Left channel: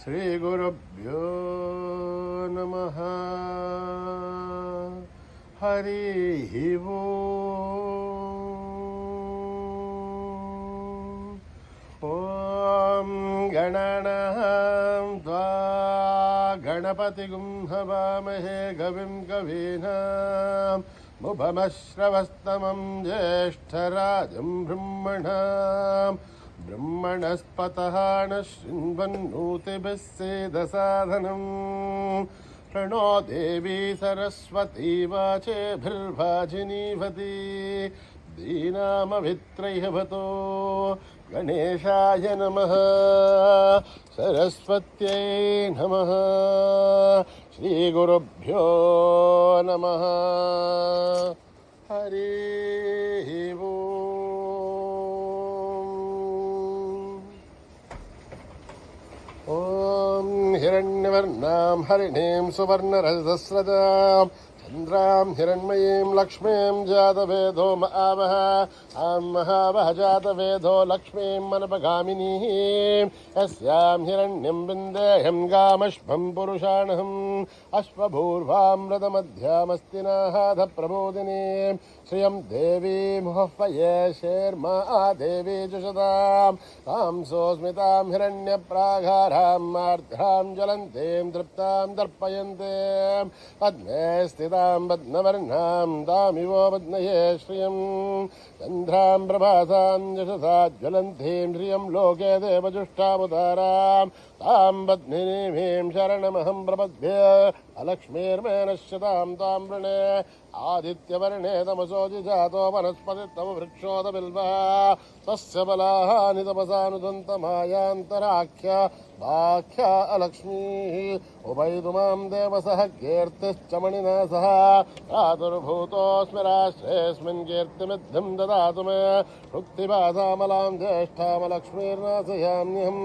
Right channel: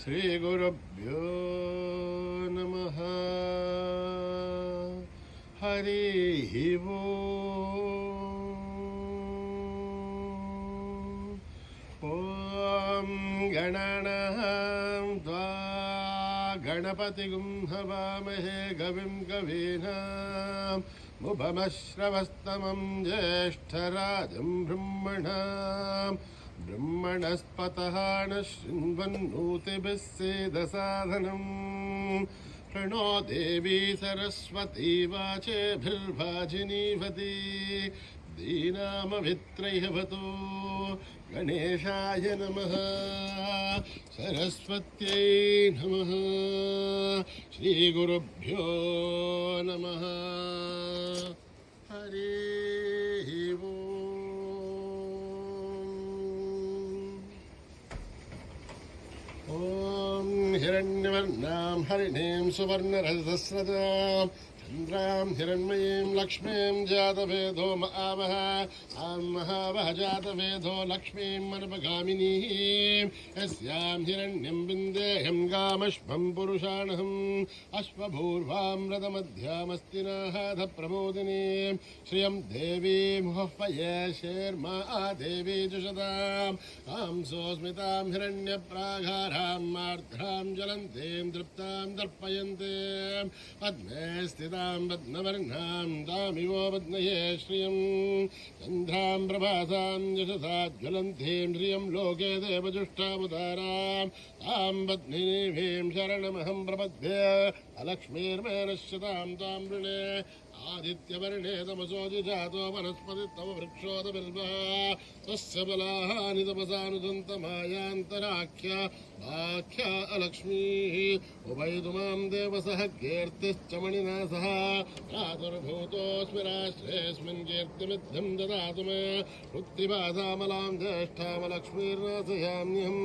श्रीगुरुभ्यो नमः। हरिः ओम्। गणानां त्वा गणपतिगुं हवामहे कविं कवीनां मुभमश्रवस्तमं ज्येष्ठराजं ब्रह्मणाम् ब्रह्मणस्पतः न शृण्वन्नोतिभिः सेदसाधनम्। प्रणो देवी सरस्वती वाचेभिर्वाजिनीवती दीनामभित्रैहवतो गणेशाय नमः। सरस्वत्यै नमः। श्रीगुरुभ्यो नमः। हरिः ओम्। हिरण्यवर्णां हरिणीं सुवर्णरजतस्रजां चन्द्रां हिरण्मयीं लक्ष्मीं जातवेदो आवह। आं महावह जातवेदो लक्ष्मीं मनपगामिनीं यस्यां हिरण्यं विन्देयं गामश्वं पुरुषाणहम् अश्वभूर्वामृतमध्यामस्ति नाहाधप्रबोधिनीं श्रियं देवी मुहह्वये शेर्मा देवी जुषतां कांसोऽस्मितां हिरण्यप्राघारां मार्द्रां ज्वलन्तीं तृप्तां दर्पयन्ते पद्मे स्थितां पद्मवर्णां तामिवो पद्मये श्रियं चन्द्रां प्रभासां यशसा ज्वलन्तीं श्रियं लोके देवजुष्टामुदारां तां पद्मिनीं शरणमहं प्रपद्ये अलक्ष्मीर्मे नश्यतां तां वृणे आदित्यवर्णे तमसोऽधि जातो वनस्पतिस्तव वृक्षोदबिल्वः तस्य बलानि तपसानुदन्तमायान्तराख्या वाख्या अलक्ष्मीः उभयतु मां देवसः कीर्तिश्च मणिना सह प्रादुर्भूतोऽस्मि राष्ट्रेऽस्मिन् कीर्तिमिद्धं ददातु मे वृत्तिपासामलां ज्येष्ठामलक्ष्मीर्नाशयाम्यहम्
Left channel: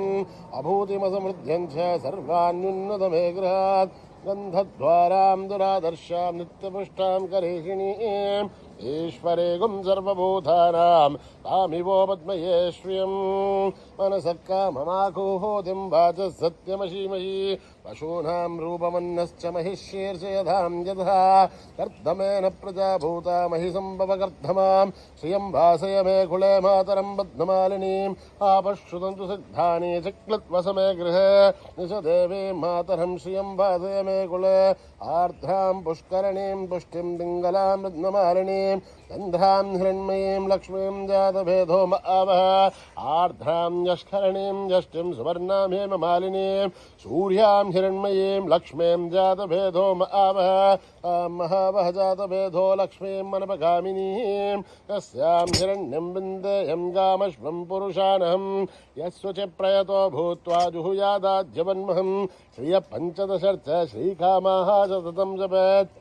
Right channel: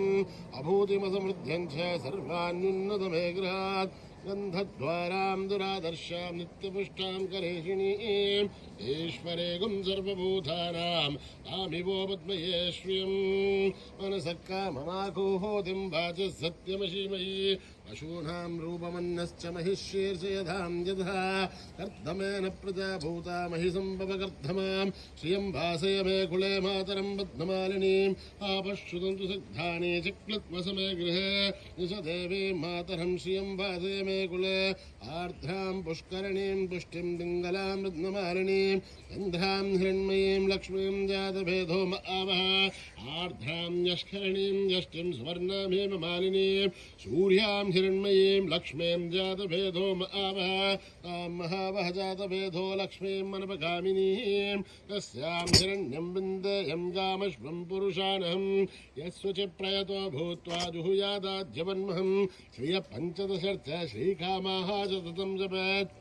अभूतिमसमृद्ध्यं च सर्वान्युन्नतमे गृहात् गन्धद्वारां दुरादर्शां नित्यपुष्टां करेषिणीम् ईश्वरेगुं सर्वभूतानां तामिवो पद्मये श्रियं मनसः काममाकुहोतिं वाचः सत्यमशीमयि पशूनां रूपमन्यश्च महिषीर्षयधां यथा कर्दमेन प्रजा भूता महिसम्भवकर्धमां श्रियं वासय मे कुले मातरं पद्ममालिनीम् आपश्रुतन्तु सिद्धानि चक्लत्वसमे गृहे निशदेवीं मातरं श्रियं वासय मे कुले आर्द्रां पुष्करणीं पुष्टिं पिङ्गलां पद्ममालिनीं गन्धां हिरण्मयीं लक्ष्मीं जातभेदो आवह आर्द्रां यष्करणीं यष्टिं सुवर्णां हेममालिनीं सूर्यां हिरण्मयीं लक्ष्मीं जातभेदो आवह महावह जातभेदो लक्ष्मीं मनपगामिनीं यस्यां हिरण्यं विन्देयं गामश्वं पुरुषाणहं यस्वचि प्रयतो भूत्वा जुहुयादाद्यवन्महं श्रियपञ्चदशर्थ श्रीकामाः सततं जपेत्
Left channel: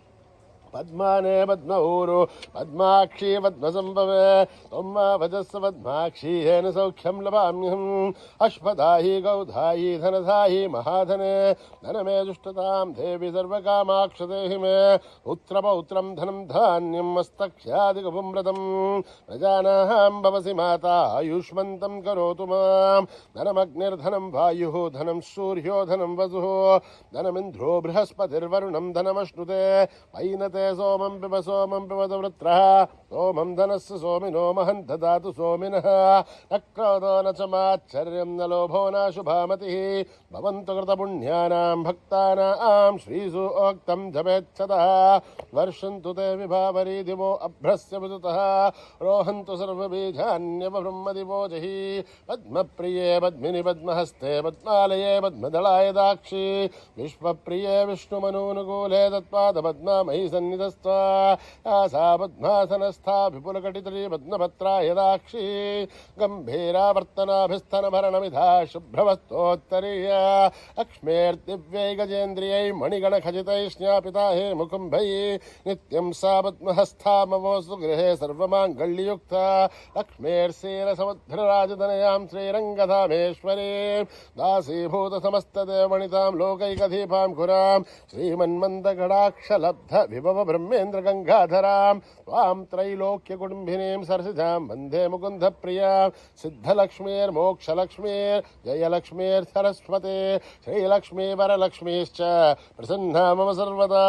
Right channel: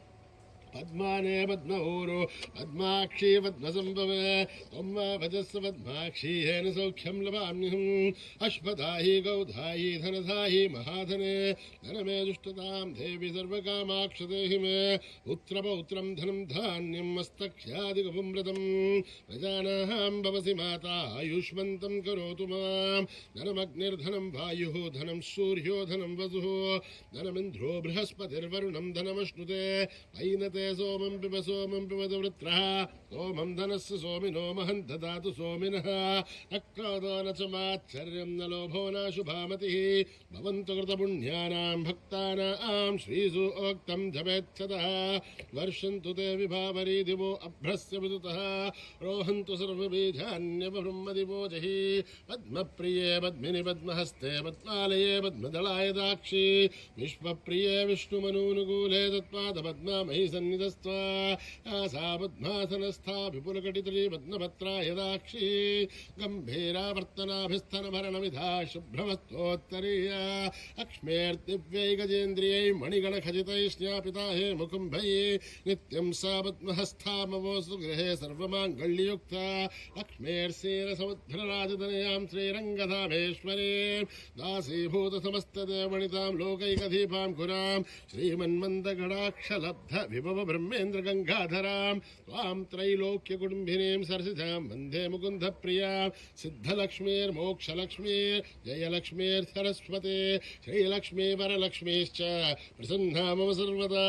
पद्माने पद्मऊरु पद्माक्षी पद्मसम्भवे त्वं भजस्व पद्माक्षी येन सौख्यं लभाम्यहम् अश्वदायी गौधायी धनधायी महाधने धनमे दुष्टतां देवी सर्वकामाक्ष देहि मे पुत्रपौत्रं धनं धान्यं मस्तक्ष्यादिगुपुम्रतं प्रजानां भवसि माता आयुष्मन्तं करोतु मां धनमग्निर्धनं वायुः धनं सूर्यो धनं वसुः धनमिन्द्रो बृहस्पतिर्वरुणं धनमश्नुते पैनते सोमं पिबत वृत्रः सोमं धनस्य सोमिनो महं ददातु सोमिनः न क्रोधो न च माच्छर्यं न लोभो न शुभामतिः भवन्तु कृतपुण्यानां भक्तानां श्रीसूक्तं जपेच्छतः वर्षन्तु ते विभावरी दिवो अभ्रस्य विदुतः रोहन्तु सर्वबीजान्यवब्रह्मदिवो जहि पद्मप्रिये पद्मिनि पद्महस्ते पद्मालये पद्मदलाय दाक्षी विश्वप्रिये विष्णुमनूनुकूले तत्पादपद्मामयि सन्निधस्त्वा सा पद्मासनस्था विपुलकटितली पद्मपत्रा यदाक्षी गम्भीरावर्तनाभिस्तनभरणमिधा शुभ्रवस्तोत्तरीया लक्ष्मीर्दिव्यै गजेन्द्रियै मणिगणखचितैः स्न्यापिता हे मुकुम्भैः नित्यं सा पद्महस्थामवोऽस्तु गृहे सर्वमाङ्गल्ययुक्ता लक्ष्मीर्षीरसमुद्रराजतनयां श्रीरङ्गधामेश्वरीं दासीभूतसमस्तदेवणितां लोकैकदीपां कुरां श्रीमन्मन्दगडाक्षलब्ध विभव सर्वब्रह्मेन्द्रगङ्गाधरां त्वां त्रैलोक्यकुटुम्बिनीं सरसिजां वन्दे मुकुन्दप्रियां सिद्धलक्ष्मीर्मोक्षलक्ष्मीर्जयलक्ष्मीर्सरस्वती श्रीलक्ष्मी वरलक्ष्मीश्च प्रसन्ना मम सर्वदा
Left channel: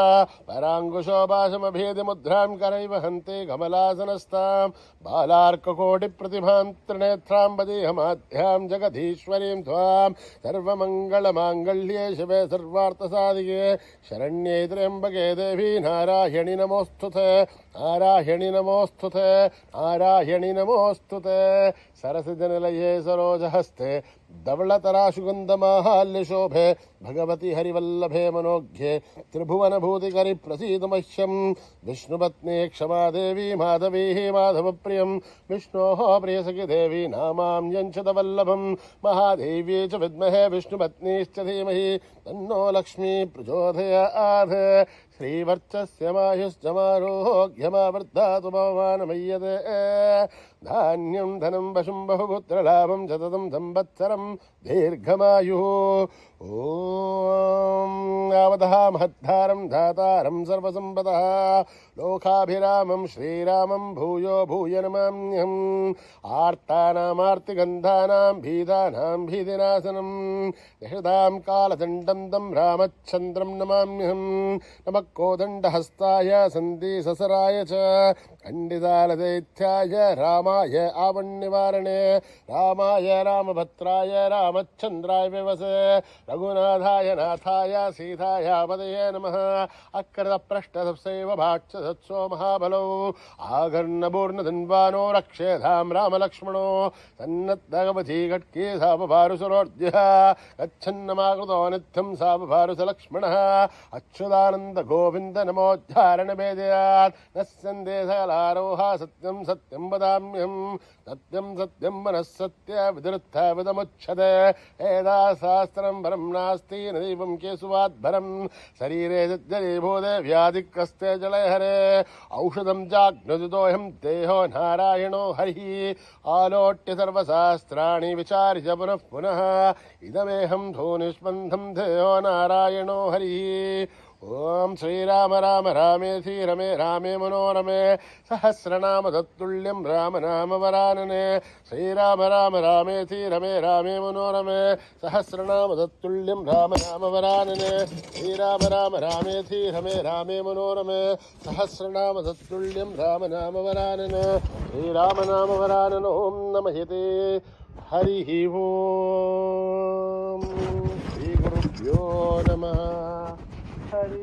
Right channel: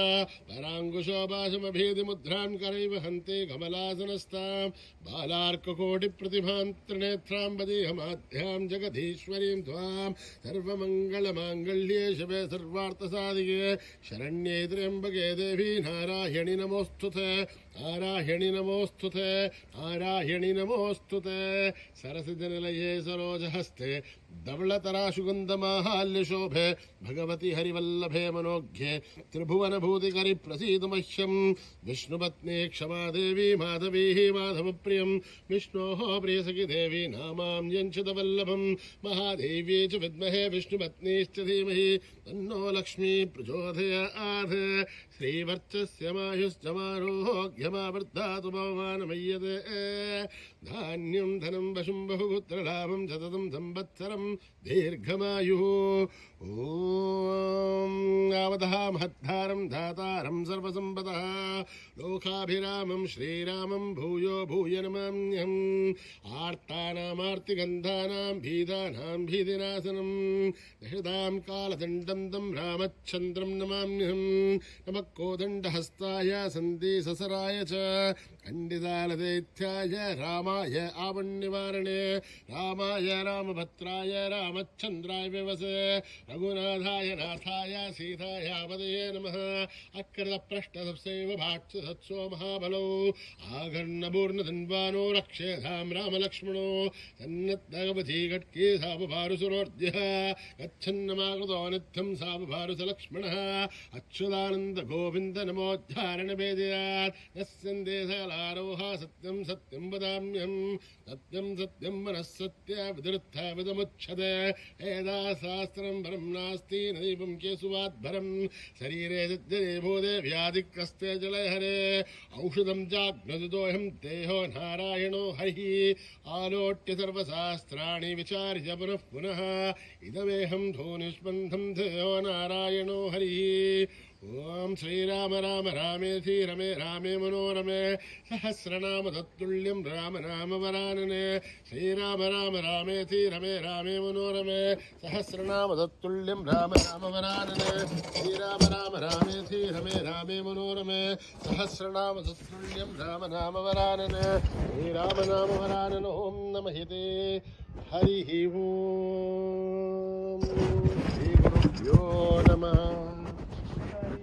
पराङ्कुशोपाशमभेदमुद्रां करैव हन्ति कमलासनस्तां बालार्ककोटिप्रतिभां त्रिनेत्रां वदेहमाध्यां जगदीश्वरीं त्वां सर्वमङ्गलमाङ्गल्ये शिवे सर्वार्थसाधिके शरण्ये त्र्यम्बके देवी नारायणि नमोऽस्तुते नारायणि नमोऽस्तुते नारायणि नमोऽस्तुते सरसिजनिलये सरोजहस्ते धवलतराशुगन्धमाहाल्यशोभे भगवति हरिवल्लभे मनोज्ञे त्रिभुवनभूतिकरि प्रसीद मह्यं विष्णुपत्नी क्षमा देवी माधवी माधवप्रियं विष्णोः प्रियसखि देवी नामाम्यञ्चतवल्लभं महादेवी च विद्महे विष्णुपत्नीश्च धीमहि तन्नो लक्ष्मी प्रचोदयात् श्रीवर्चस्यमायुश्चमारोग्यमावर्धातु भवमानमय्यते धान्यं धनं वशुं बहुपुत्रलाभं सततं संवत्सरं दीर्घमायुः ॐ यावतः महद्धारं धातारं सर्वसम्पदः लोकाभिरामं श्रीरामं भूयो भूय नमाम्यहम् आर्तानामार्तिगन्धानां भीतानां भीतिनाशनं यशदां कालदण्डं तं रामचन्द्रं नमाम्यहम् नमः कोदण्डहस्ताय सन्धिससराय च खण्डितालदैत्याय रामाय आवन्निवारणे रामाय रामभद्राय रामचन्द्राय विवसे रघुनाथाय नाथाय सीताय पदये नमः अकृतपृष्ठसप्सैव भाक्षसत्सो महाबलौ आघर्णपूर्णधन्वानो रक्षेधां रामलक्ष्मणो सन्नद्धगवती घट्के सापभारुसुरोर्ध्यः गच्छन्नमाकृतो नित्यं सापभारुसलक्ष्मणः अच्युतानन्द गोविन्द नमोद्धारणभेदयात् न सन्देशकलारोहा सत्यं सत्यं वदाम्यहं सत्यं सत्यं मनः सत्य विदुत्थविदमुच्यते एदा शास्त्रं परं नास्ति न दीपं केशवाद्भरं शरीरे सज्जरीभूते व्याधिकस्ते जलहरे औषधं जाग्नजुतोऽहं देहो नारायणो हरिः आलोट्य सर्वशास्त्राणि विचार्य पुनः पुनः इदमेहं धूनिष्पन्थं देहो नारायणो हरिः ओम श्रीराम राम रामेति रमे रामे मनोरमे सहस्रनाम तत्तुल्यं राम नाम वरानने श्रीराम राम रामेति रमे रामे मनोरमे सहस्रनाम तत्तुल्यं राम नाम वरानने श्रीराम राम रामेति रमे रामे मनोरमे सहस्रनाम तत्तुल्यं राम नाम वरानने श्रीराम नाम वरानन ओम नमः ते हरिः ओम श्री गुरुभ्यो नमः हरि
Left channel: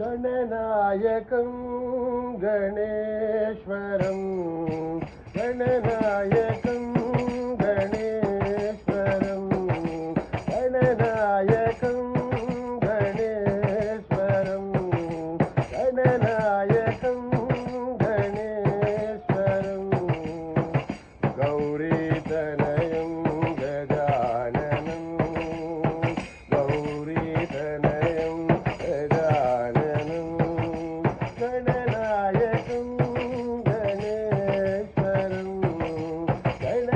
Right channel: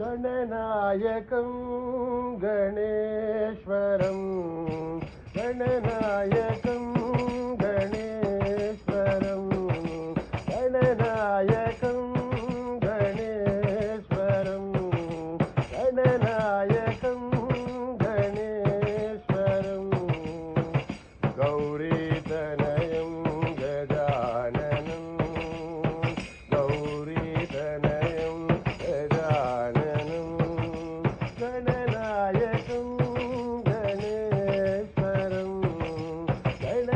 गणनायकं गणेश्वरं गणनायकं गणेश्वरं गणनायकं गणेश्वरं गणनायकं गणेश्वरं गौरीतनयं गजाननं गौरीतनयं गजाननं गणनायकं गणेश्वरं गणनायकं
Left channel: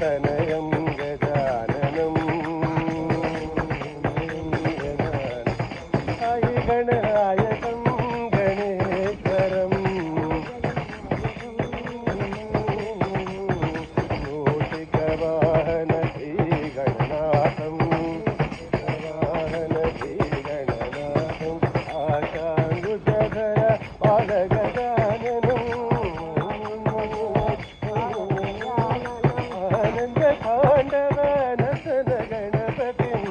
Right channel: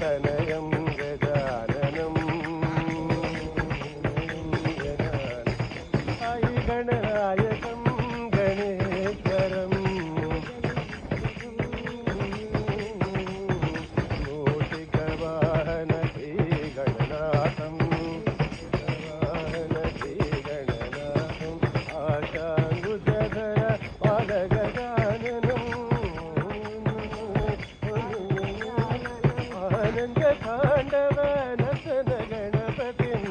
तनयं गजाननं साई गणनायकं गणेश्वरं मूषिकवाहन श्रीगणनाथं आशाङ्गुजधर पालगजाननम् आनन्दताण्डव नसन गणपतिं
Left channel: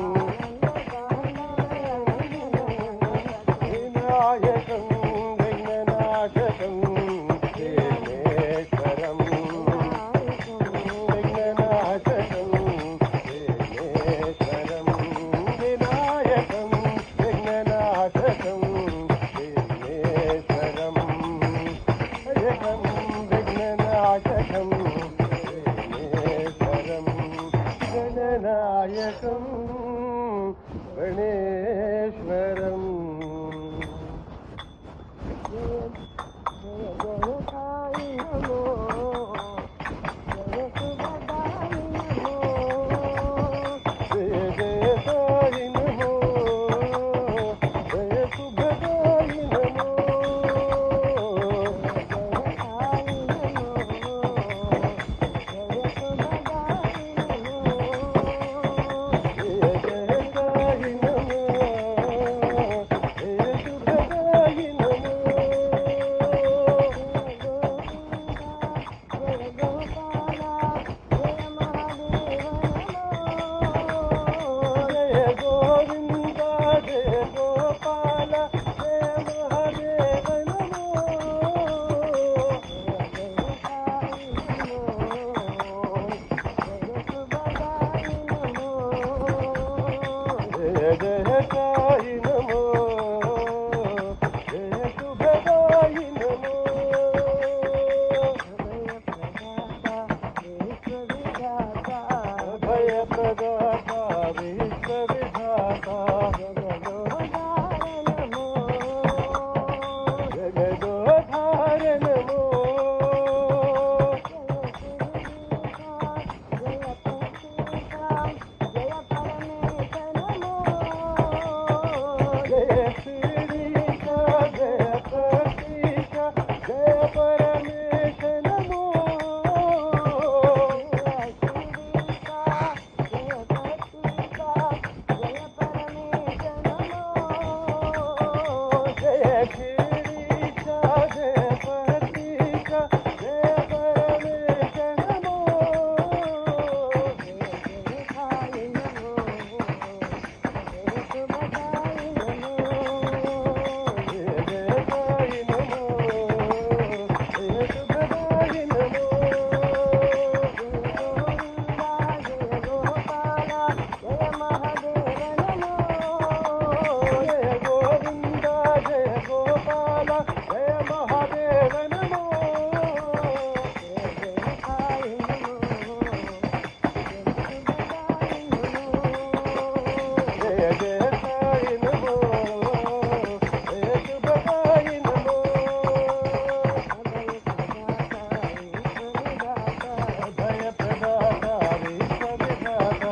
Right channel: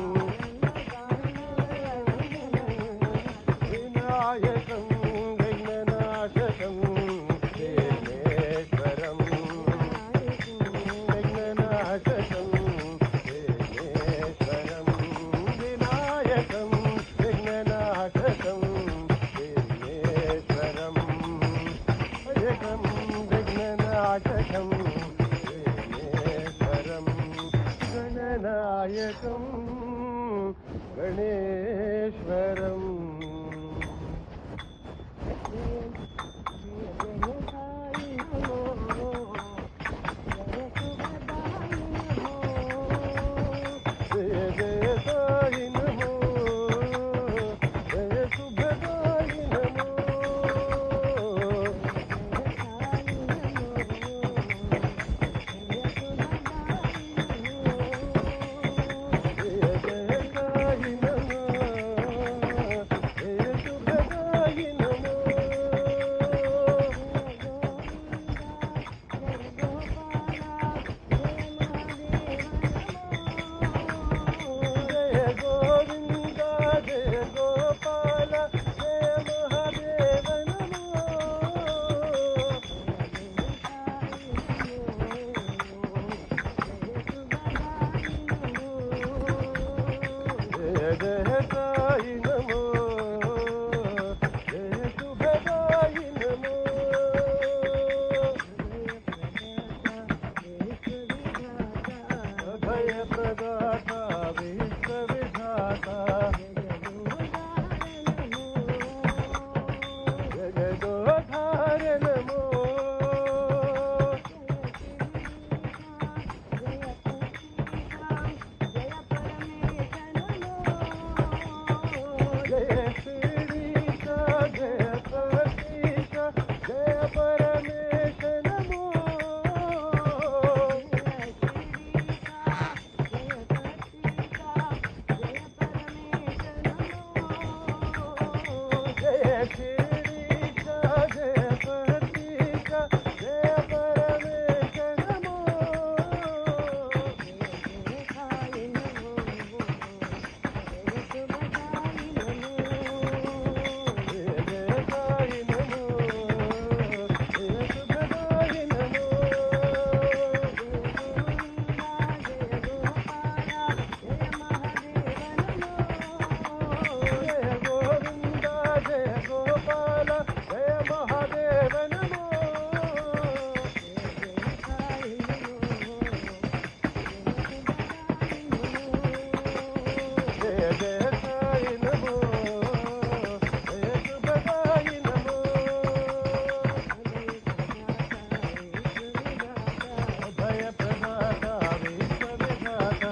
विनायकं विघ्ननाशकं विघ्नेश्वरं विघ्ननाशकं विघ्नेश्वरं विनायकं विघ्ननाशकं विघ्नेश्वरं नायकं विघ्ननाशकं विघ्नेश्वरं गणनायकं गणेश्वरम् जय जय साई नमो जय सुभदाई नमो जय जय साई नमो जय सुभदाई नमो जय गोविंद जय गोपाल जय महादेव नमो जय जय साई नमो जय सुभदाई नमो भय प्रदाता विश्व विधाता जगदोधार नमो जय श्रीका जय प्रतीका जय परमेश नमो जय श्रीका जय प्रतीका जय परमेश नमो जय जय साई नमो जय सुभदाई नमो जय गोविंद जय गोपाल जय महादेव नमो जय जय साई नमो जय सुभदाई नमो भय प्रदाता विश्व विधाता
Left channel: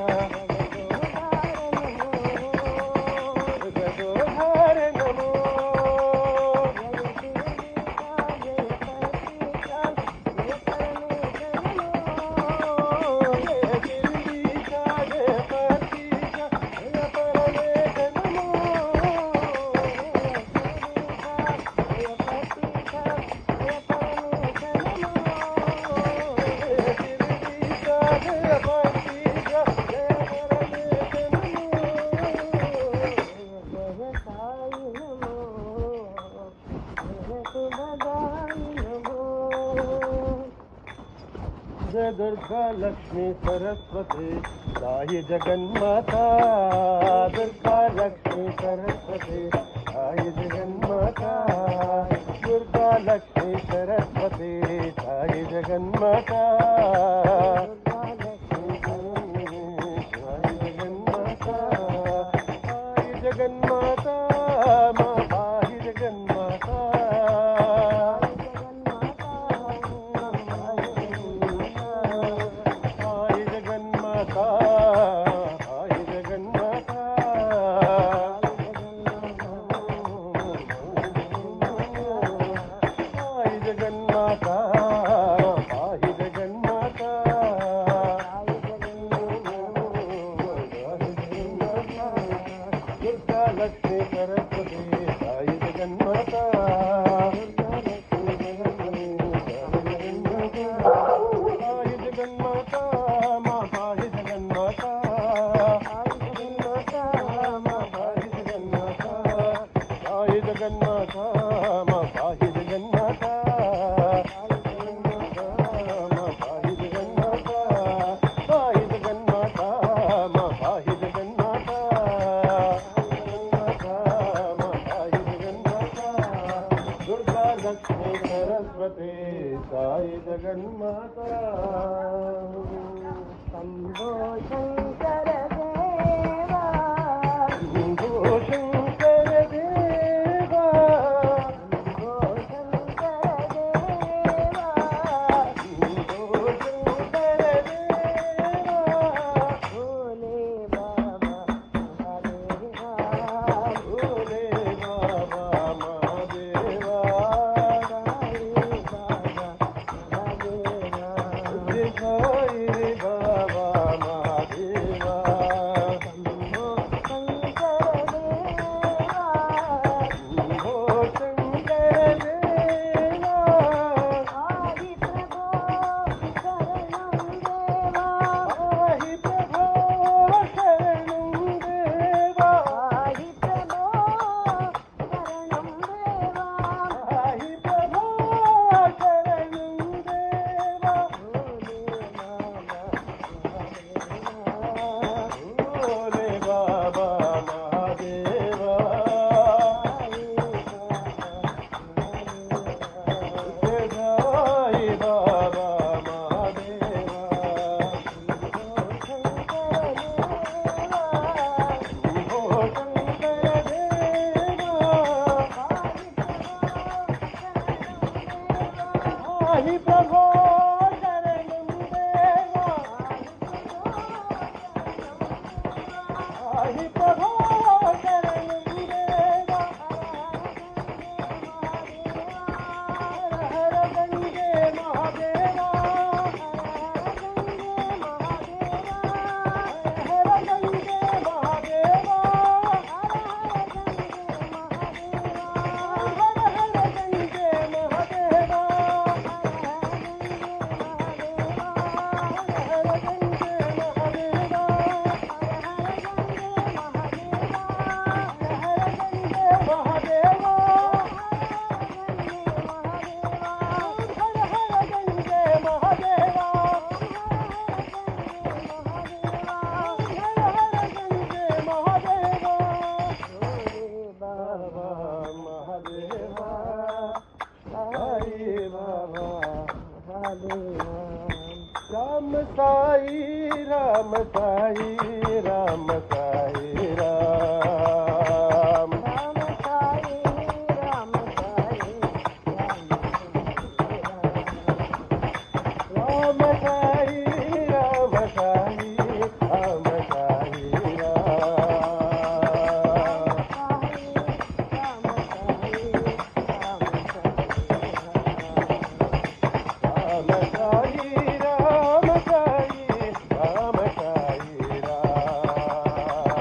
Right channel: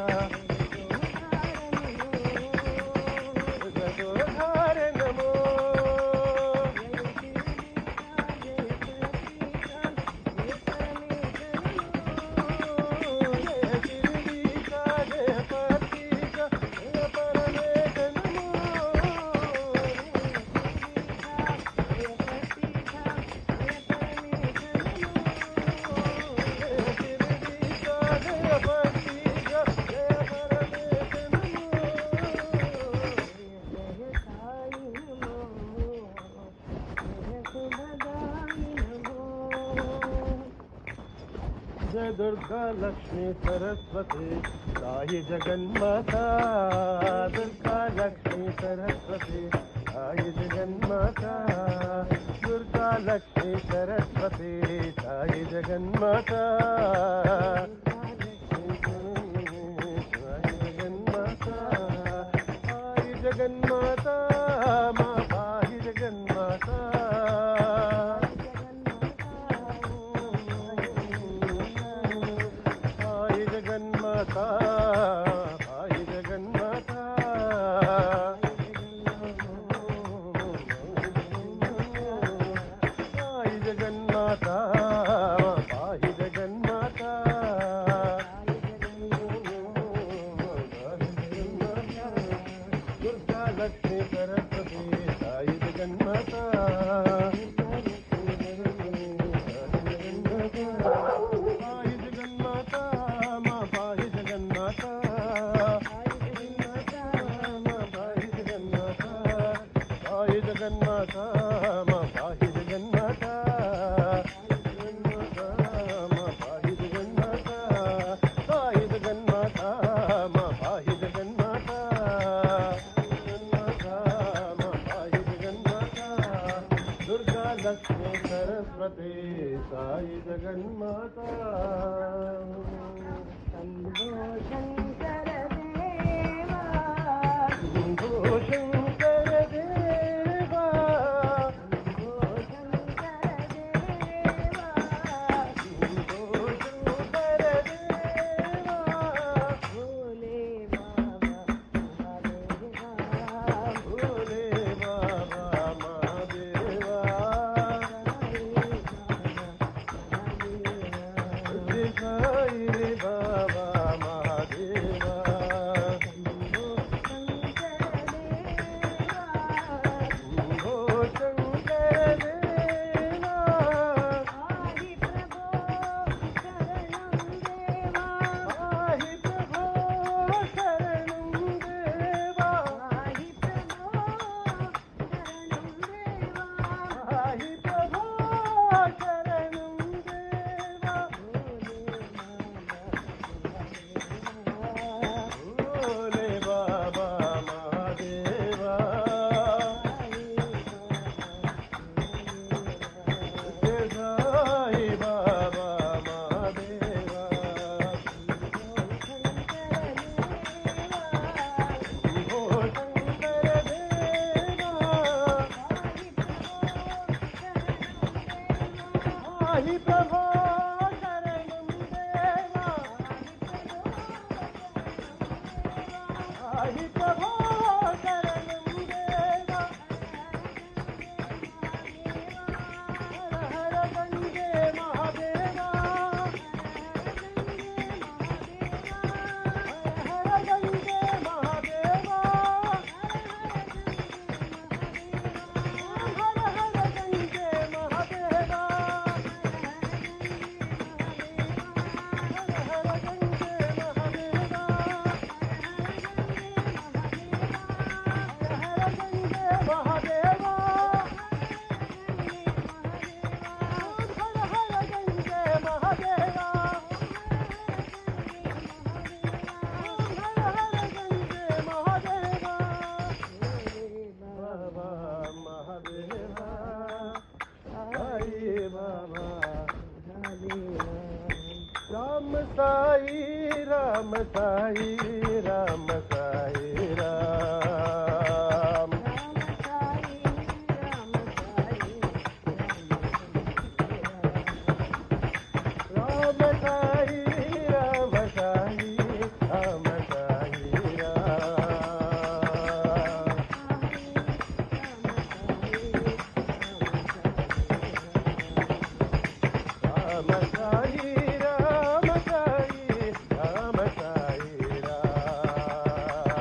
जगदोधार नमो जय गिरीशा जय प्रतीका जय परमेश नमो जय गिरीशा जय प्रतीका जय परमेश नमो जय दुर्गा लक्ष्मी सरस्वती साई जगन्माता दुर्गा लक्ष्मी सरस्वती साई जगन्माता दुर्गा लक्ष्मी सरस्वती साई जगन्माता साई जगन्माता साई जगन्माता माँ साई जगन्माता साई సాయి జగన్మాత శంభో శంకర దేవా శంభో శంకర దేవా శంభో శంకర దేవా శంభో శంకర దేవా భోలే బాబా మహాదేవా భోలే బాబా మహాదేవా సాయి బాబా మహాదేవా సాయి బాబా మహాదేవా శంభో శంకర దేవా శంభో శంకర దేవా ఆది ప్రభో శరణం దేవా ఆహి ప్రభో శరణం దేవా ఆది ప్రభో శరణం దేవా ఆహి ప్రభో శరణం దేవా భోలే బాబా మహాదేవా సాయి బాబా మహాదేవా శంభో శంకర దేవా ఆహి ప్రభో శరణం దేవా ఆహి ప్రభో శరణం దేవా హర గంగే మహాదేవా హర గంగే మహాదేవా హర హర గంగే మహాదేవా హర గంగే మహాదేవా హర గంగే మహాదేవా హర హర గంగే మహాదేవా హర హర గంగే మహాదేవా బాబా మహాదేవా సాయి బాబా రామ సాయి రామ సాయి రామ సాయి రామ రామ సాయి రామ సాయి రామ సాయి రామ సాయి రామ సాయి రామ సాయి రామ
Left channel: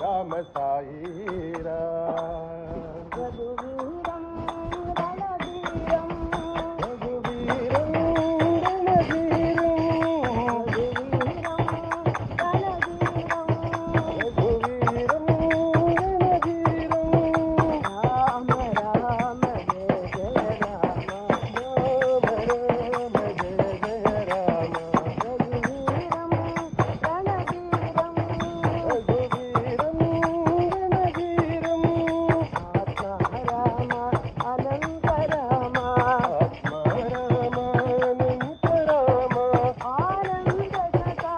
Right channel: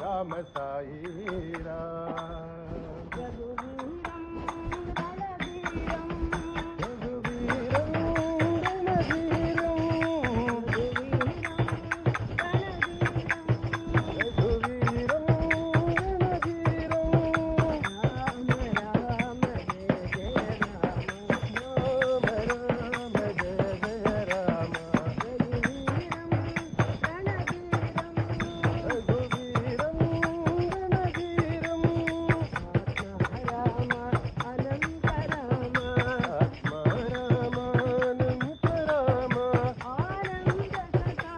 రామ సాయి రామ రఘువీరం రణధీరం రఘువీరం రణధీరం రఘువీరం రణధీరం రఘువీరం రణధీరం రామ రామ జయ జయ రామ రామ రామ జయ జయ రామ రఘువీరం రణధీరం రఘువీరం రణధీరం ఆత్మ రామ అనంత రామ ఆత్మ రామ అనంత రామ ఆనంద సఖా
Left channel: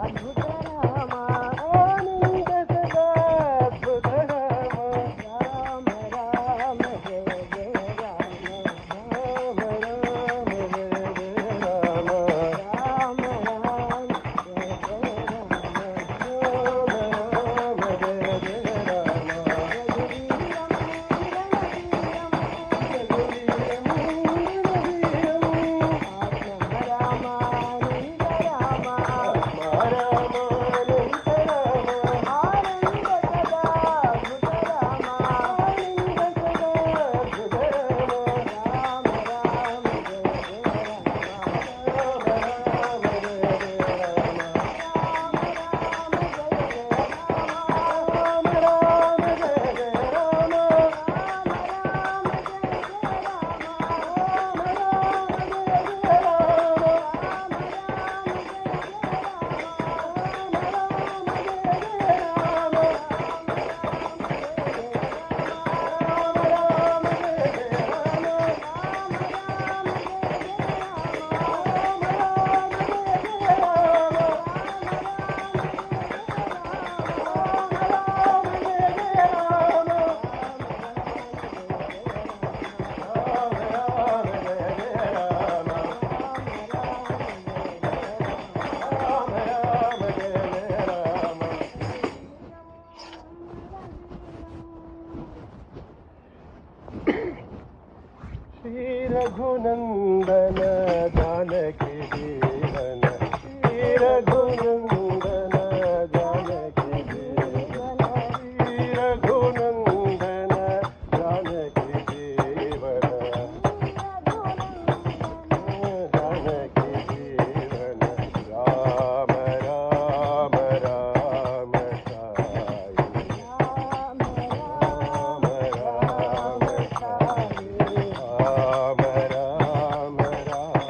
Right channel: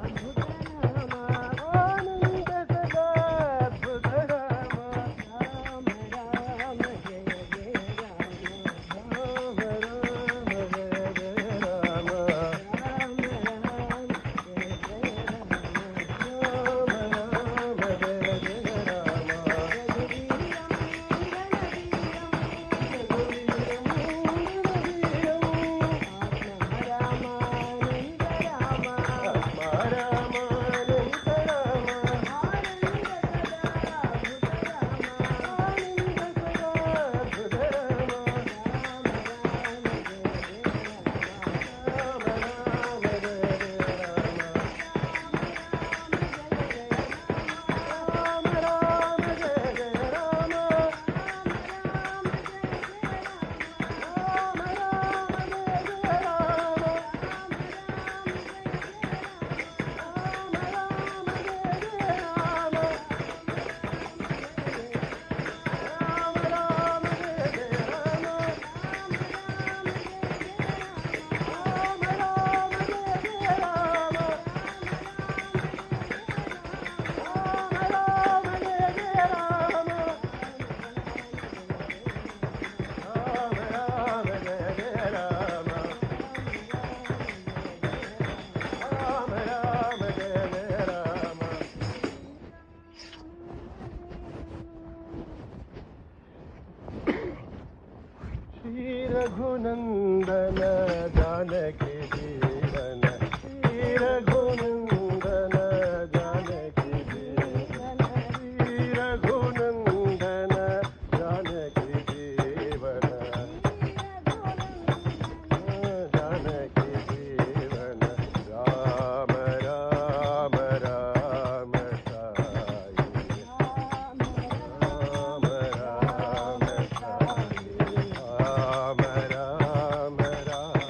అద్భుత రామ ఆనంద సదా అద్భుత రామ రామ రామ జయ జయ రామ రామ రామ జయ జయ రామ రామ రామ జయ జయ రామ రామ రామ జయ జయ రామ రఘువీరం రణధీరం రఘువీరం రణధీరం ఆత్మ రామ అనంత రామ ఆత్మ రామ అనంత రామ ఆనంద సదా అద్భుత రామ ఆనంద సదా అద్భుత రామ రామ రామ జయ జయ రామ రామ రామ జయ జయ రామ రామ రామ జయ జయ రామ రామ రామ జయ జయ రామ శ్రీ రఘునందన జానకి జీవన శ్రీ రఘునందన జానకి జీవన శ్రీ రఘునందన జానకి జీవన జానకి జీవన రామ రామ రామ సాయి రామ రామ సాయి రామ రామ రామ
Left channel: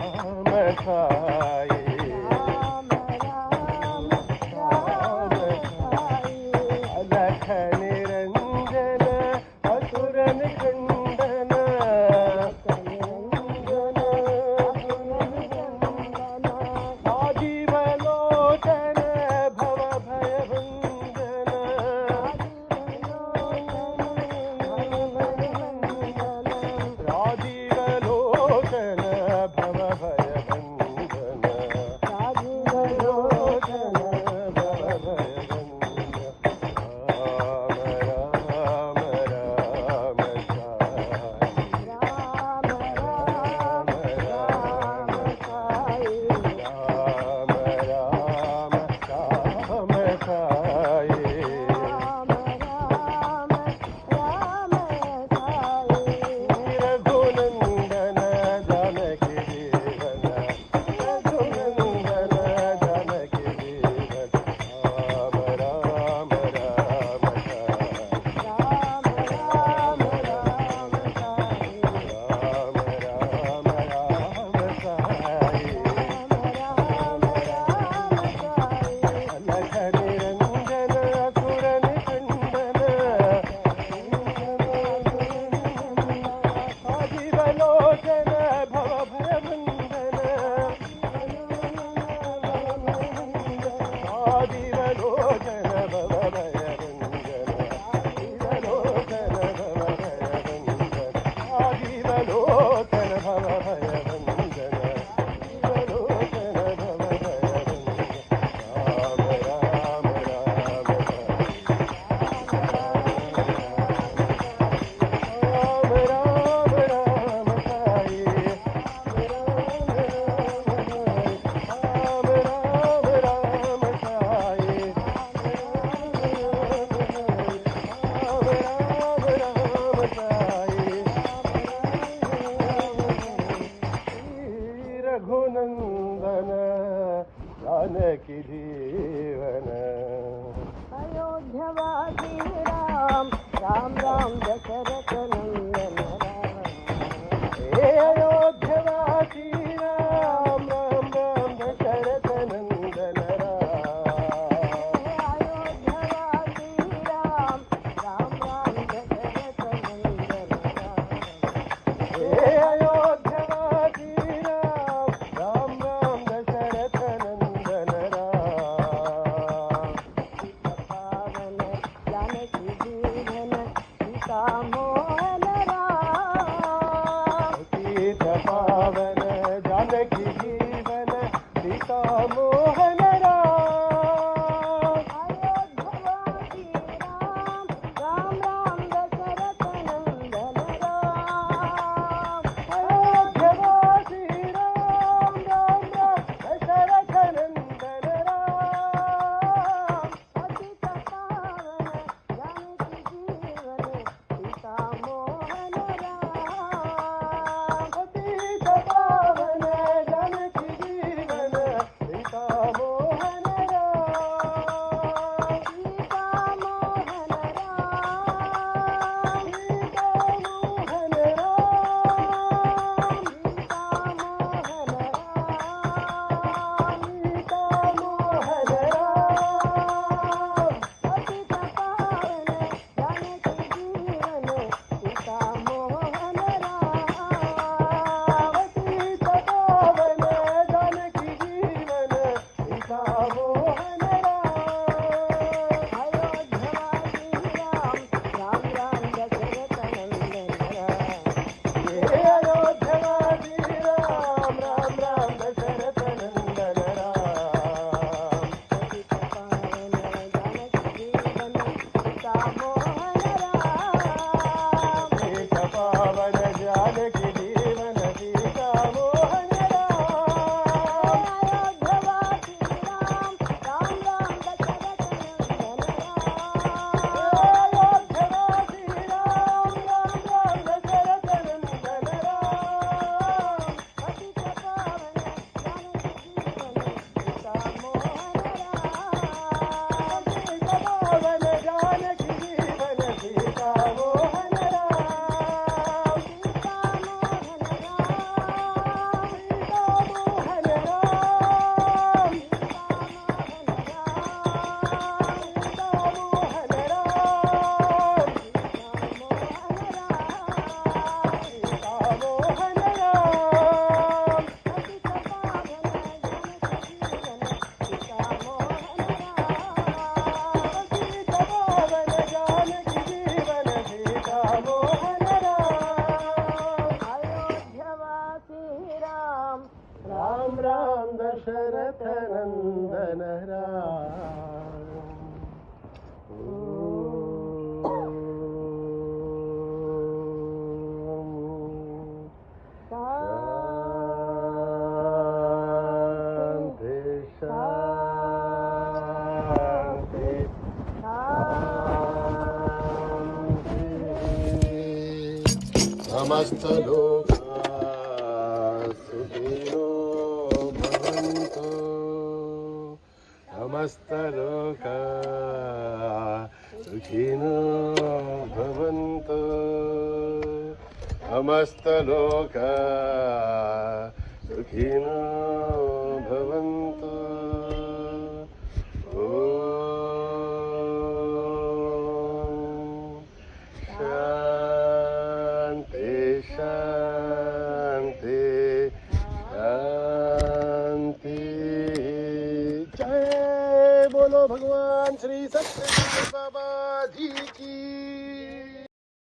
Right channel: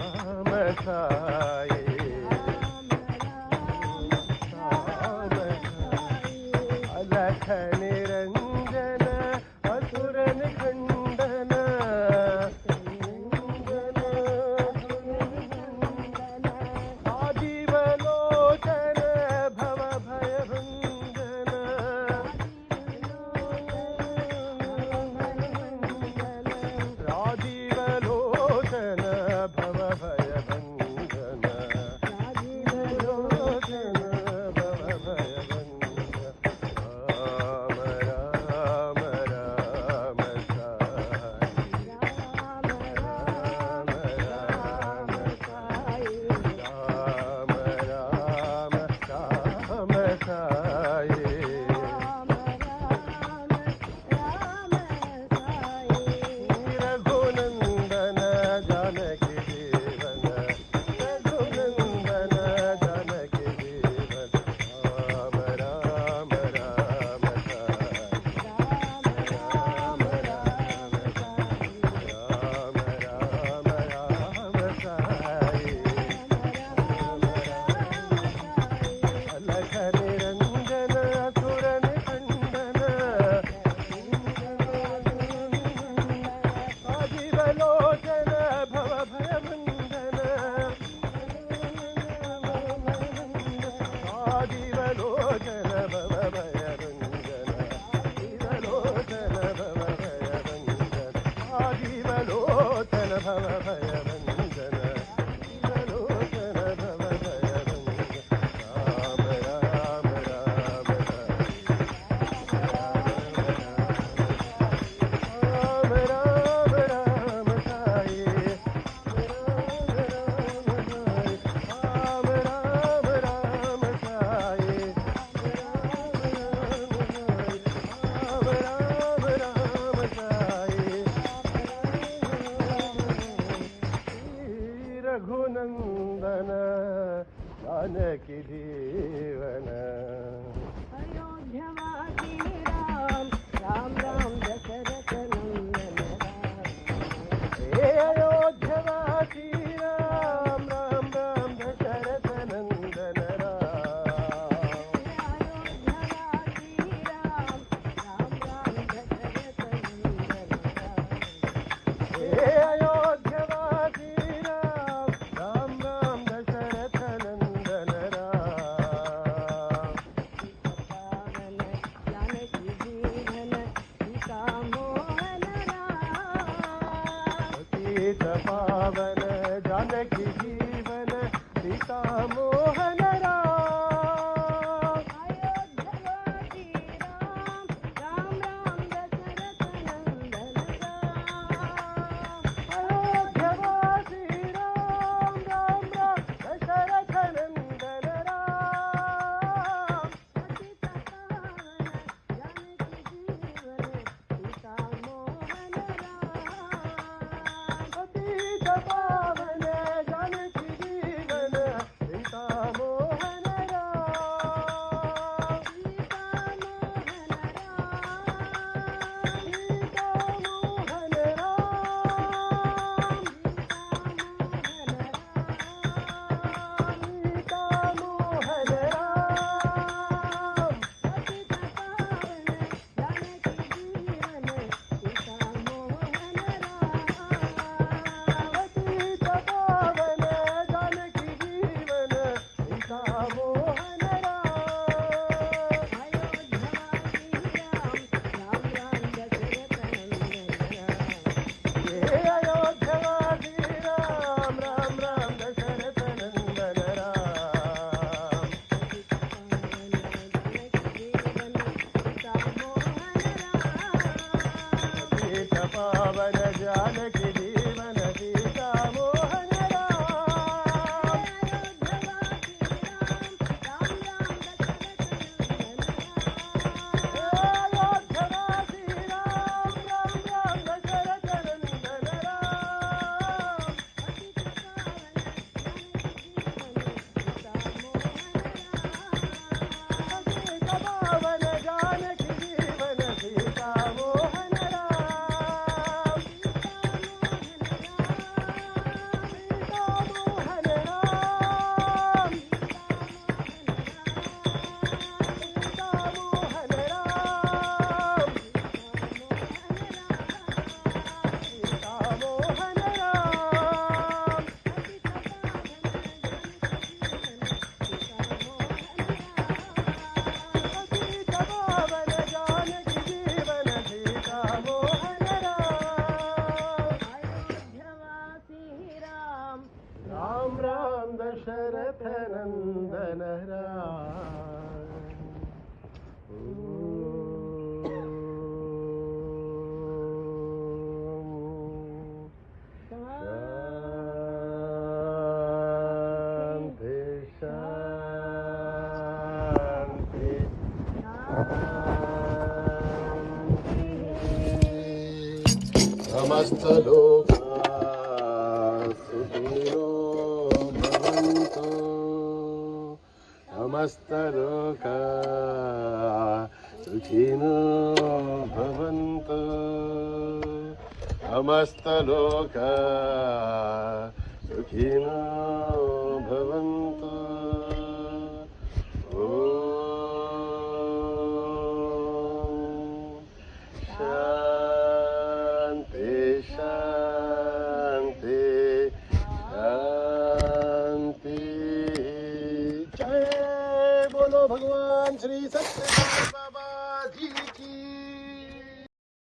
राम राम दशरथ नंदन राम हे अयोध्यवासी राम राम राम दशरथ नंदन राम अयोध्यवासी राम राम राम दशरथ नंदन राम हे अयोध्यवासी राम राम राम दशरथ नंदन राम पावन जानकी जीवन सीता मोहन राम सीत पावन जानकी जीवन सीता मोहन राम अयोध्यवासी राम राम राम दशरथ नंदन राम अयोध्यवासी राम राम राम दशरथ नंदन राम पतित पावन जानकी जीवन सीता मोहन राम पतित पावन जानकी जीवन सीता मोहन राम सीता मोहन राम सीता मोहन राम सीता मोहन राम सीता पावन जानकी जीवन सीता मोहन राम अयोध्यवासी राम राम राम दशरथ नंदन राम अयोध्यवासी राम राम राम दशरथ नंदन राम पतित पावन जानकी जीवन सीता मोहन राम सीता पावन जानकी जीवन सीता मोहन राम सीता मोहन राम सीता मोहन राम सीता मोहन राम सीता मोहन राम सीता मोहन सीता मोहन राम राम पतित पावन जानकी जीवन सीता मोहन राम सीता पावन जानकी जीवन सीता मोहन राम अयोध्यवासी राम राम राम दशरथ नंदन राम शांति शांति समस्तलोका सुखिनो भवन्तु समस्तलोका सुखिनो भवन्तु समस्तलोका सुखिनो भवन्तु शांति शांति शांति जय बोलो भगवान श्री सत्यनारायण बाबा जी की